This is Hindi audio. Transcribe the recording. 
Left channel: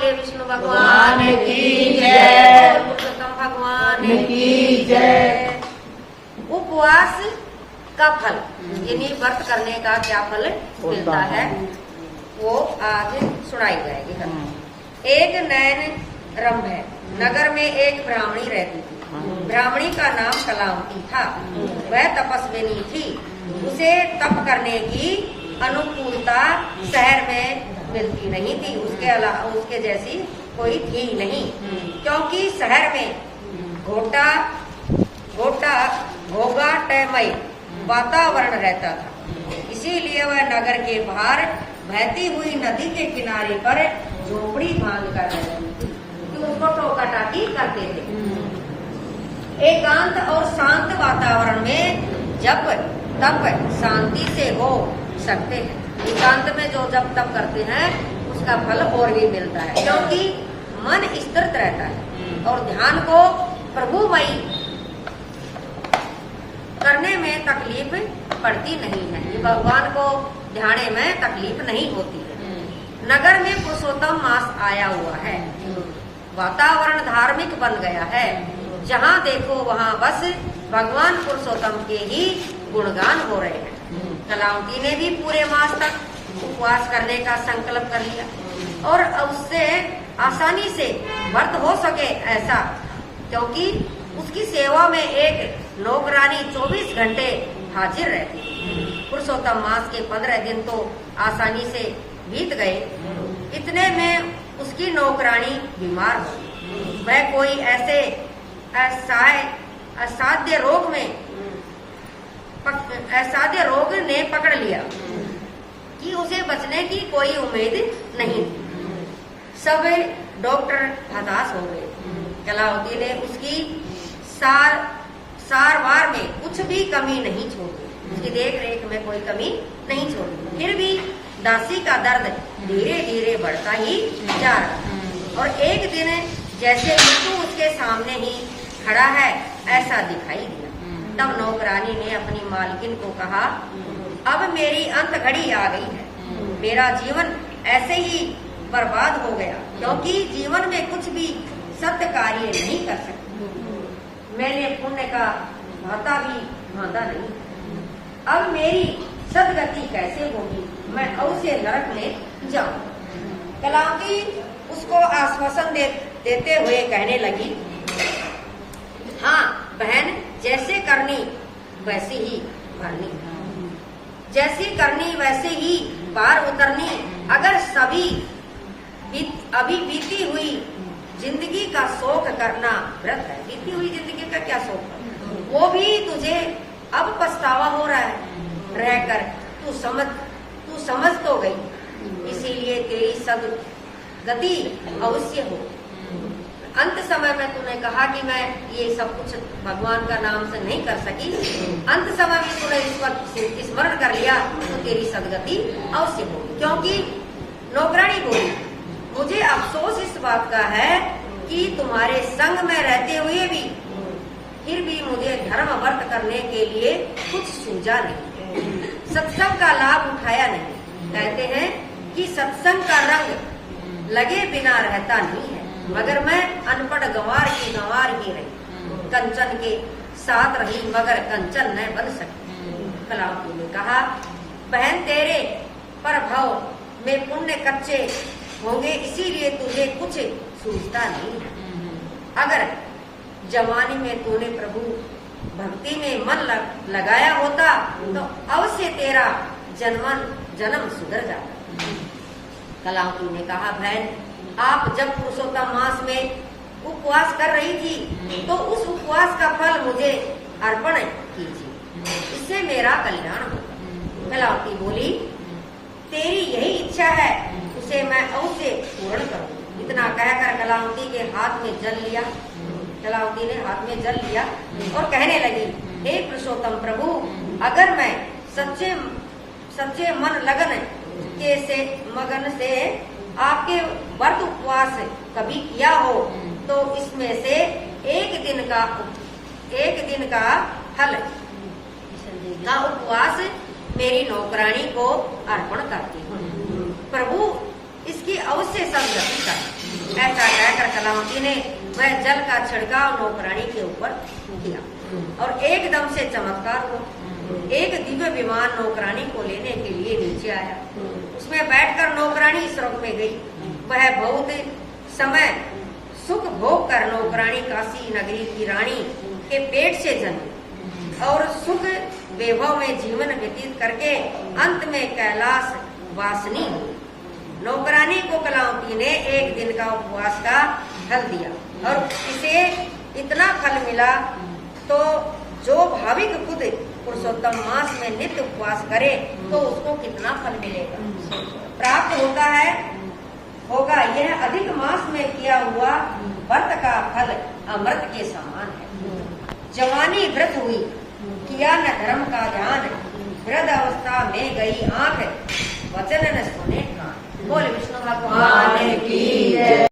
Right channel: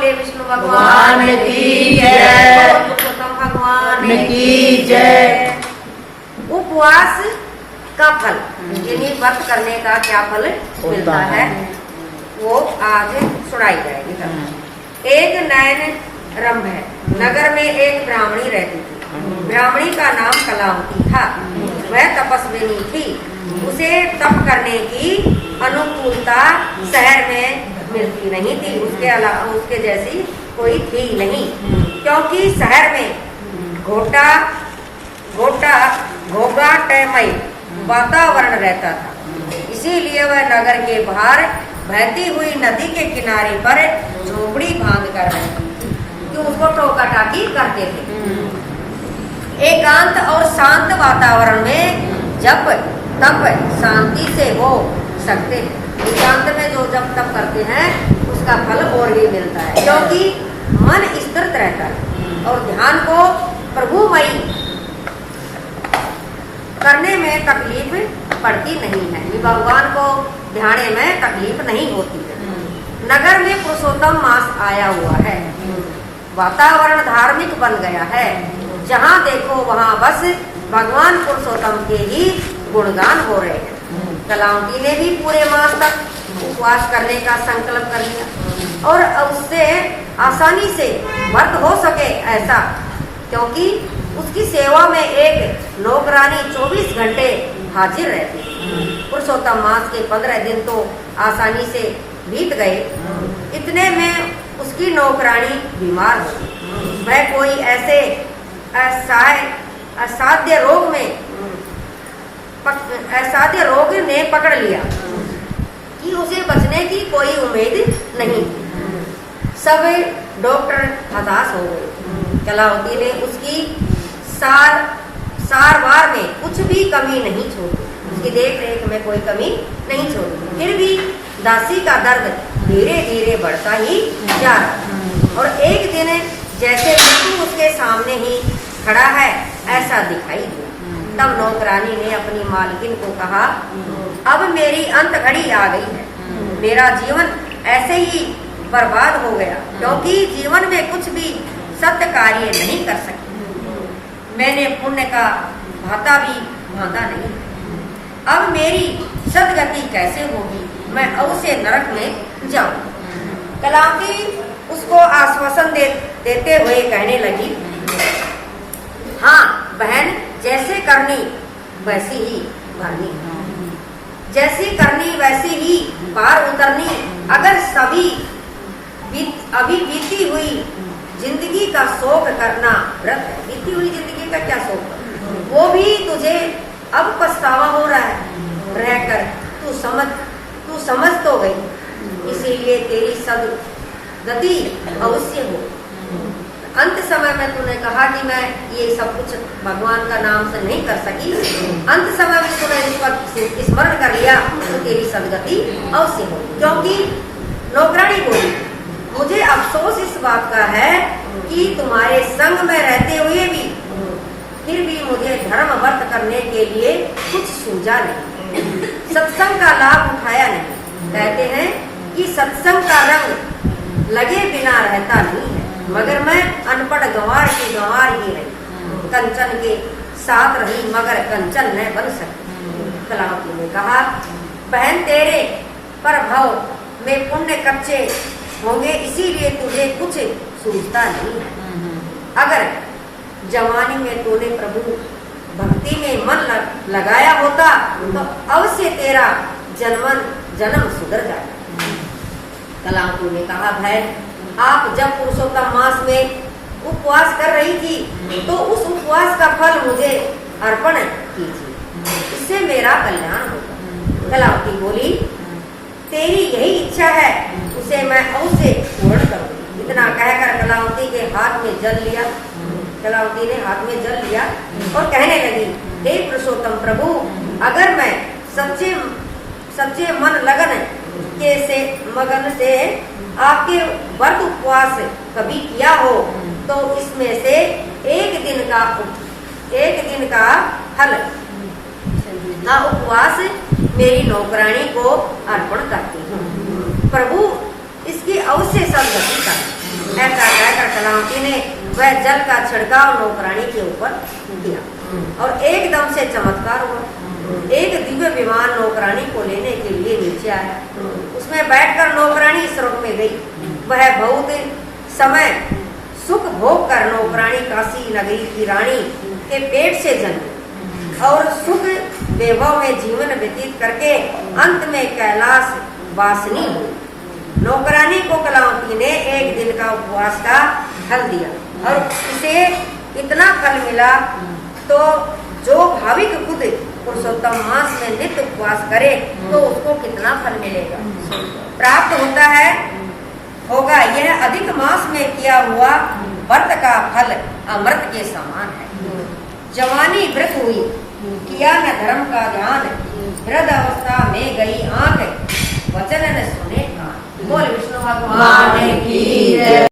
बोले विष्णु भगवान की जय। पुरुषोत्तम भगवान की जय। उपवास का फल यानी व्रत करने का क्या फल मिलता है वो आज सुनाई जाएगी। एक नयन रंभ है। नगर में एक ब्राह्मणी रहती थी। ब्राह्मणी का नाम कलावती था। वह तपस्विनी थी। उसे तप करने की अनुकूलता शहर में मिलती नहीं थी। उसके अलावा उसके जैसी कोई थी नहीं, क्योंकि शहर में घोंघाटमय वातावरण रहता था। इसीलिए वह नगर के बाहर बहती हुई नदी के किनारे पर झोपड़ी बांध कर रहती थी, कि उसको टोका टाकी करते थे। एकांत और शांत वातावरण में जप तप शांति से हो सकते हैं। एकांत में जो जप तप करते हैं उसका फल और भी मिलता है, क्योंकि मन स्थिर रहता है और ध्यान को प्रभुमयी करने में तकलीफ पड़ती नहीं है। भगवान को ध्यान में तकलीफ नहीं होती है। नगर में पुरुषोत्तम मास आया हुआ है। वातावरण धार्मिक बन गया है। जहाँ देखो वहाँ बस भगवान पुरुषोत्तम के ही गुणगान हो रहे हैं। कलावती ने भी पूरे मास तक उपवास करने का संकल्प कर लिया और उससे आसानी से व्रत हो सके ऐसा, क्योंकि उसकी सेवा में एक नौकरानी 24 घंटे हाजिर रहती है। पुरुषोत्तम मास के 15 दिन तो आसानी से बीत गए। इतने में उसकी नौकरानी बीमार हो गई। वह कोई ऐसे असाध्य रोग ने पकड़ लिया कि उसे बचने की कोई उम्मीद नहीं थी। सब डॉक्टर हताश हो गए। कलावती ने उसकी सारवार में कुछ भी कमी नहीं छोड़ी। उसकी देख रेख में कोई कमी नहीं छोड़ी। फिर भी दासी का दर्द धीरे धीरे बढ़ता ही जा रहा और एक दिन जैसे मृत्यु उसके सामने ही खड़ा है ऐसा दिखाई दिया। तब नौकरानी ने अपनी मालकिन को कहा, अब मेरी अंत घड़ी आ गई है। मेरा जीवन ऐसे ही बर्बाद हो गया, क्योंकि जीवन में कुछ भी सत्य कार्य नहीं कर सकती। मैंने पुण्य का भाता भी बांधा नहीं। अब मेरी सदगति कैसे होगी? मैं अवश्य नरक में जाऊं। कलावती उसको आश्वासन देते हुए कहने लगी, हाँ बहन, जैसे करनी वैसी ही भरनी, जैसी करनी वैसी ही पार उतरनी। अगर सभी अभी बीती हुई जिंदगी का शोक करना व्रत है। बीती हुई जिंदगी का क्या शोक, वो भी तुझे अब पछतावा हो रहा है रहकर। तू समझ तो गई, इसीलिए तेरी सदगति अवश्य हो। अंत समय में तूने कहा कि मैं ये सब कुछ भगवान का नाम से नहीं कर सकी। अंत समय में तूने इसका स्मरण कर लिया तो तेरी सदगति अवश्य हो। क्योंकि नौकरानी बोली, मुझे अफसोस इस बात का है कि तुम्हारे संग में रहते हुए भी फिर भी मुझे धर्म व्रत करने के लिए कुछ सूझा नहीं, सत्संग का लाभ उठाया नहीं। कहते हैं कि सत्संग का रंग लगे बिना रहता नहीं है, मगर मैं अनपढ़ गंवार की गंवार ही रही। कंचन के साथ रही मगर कंचन न बन सकती। कलावती ने कहा, बहन तेरे पर भव में पुण्य कच्चे होंगे, इसीलिए तुझे कुछ सूझता नहीं है। अगर जवानी में तूने प्रभु भक्ति में मन लगाया होता तो अवश्य तेरा जन्म सुधर जाता। कलावती ने कहा, बहन आप जब पुरुषोत्तम मास में उपवास कर रही थी तो उस उपवास का फल मुझे अर्पण कीजिए, इससे मेरा कल्याण होगा। कलावती बोली, तेरी यही इच्छा है, उसे मैं अवश्य पूर्ण करूंगी। इतना कहकर कलावती के हाथ में जल लिया। कलावती ने हाथ में जल लिया और कहने लगी, हे पुरुषोत्तम प्रभु, अगर मैं सच्चे मगन से आपके व्रत उपवास कभी किया हो तो इसमें से एक दिन का फल का उपवास मेरी नौकरानी को अर्पण करती हूँ। प्रभु इसकी अवश्य सदगति कर। ऐसा कहकर कलावती ने वह जल का छिड़काव नौकरानी के ऊपर किया और एकदम से चमत्कार हुआ। एक दिव्य विमान नौकरानी को लेने के लिए नीचे आया। उसमें बैठकर नौकरानी स्वर्ग में गई। वह बहुत समय सुख भोग कर नौकरानी काशी नगरी की रानी के पेट से जन्मी और सुख वैभव में जीवन व्यतीत करके अंत में कैलाश वासिनी हुई। नौकरानी को कलावती ने एक दिन का उपवास का फल दिया और इसे इतना फल मिला तो जो भाविक खुद पुरुषोत्तम मास में नित्य उपवास करे तो उसको कितना फल मिलेगा, प्राप्त होता है होगा। यह अधिक मास में किया हुआ व्रत का फल अमृत के समान है। जवानी व्रत हुई, किया न धर्म का ध्यान, वृद्ध अवस्था में गई आंख, वचन न सुने कान। बोल विष्णु भगवान की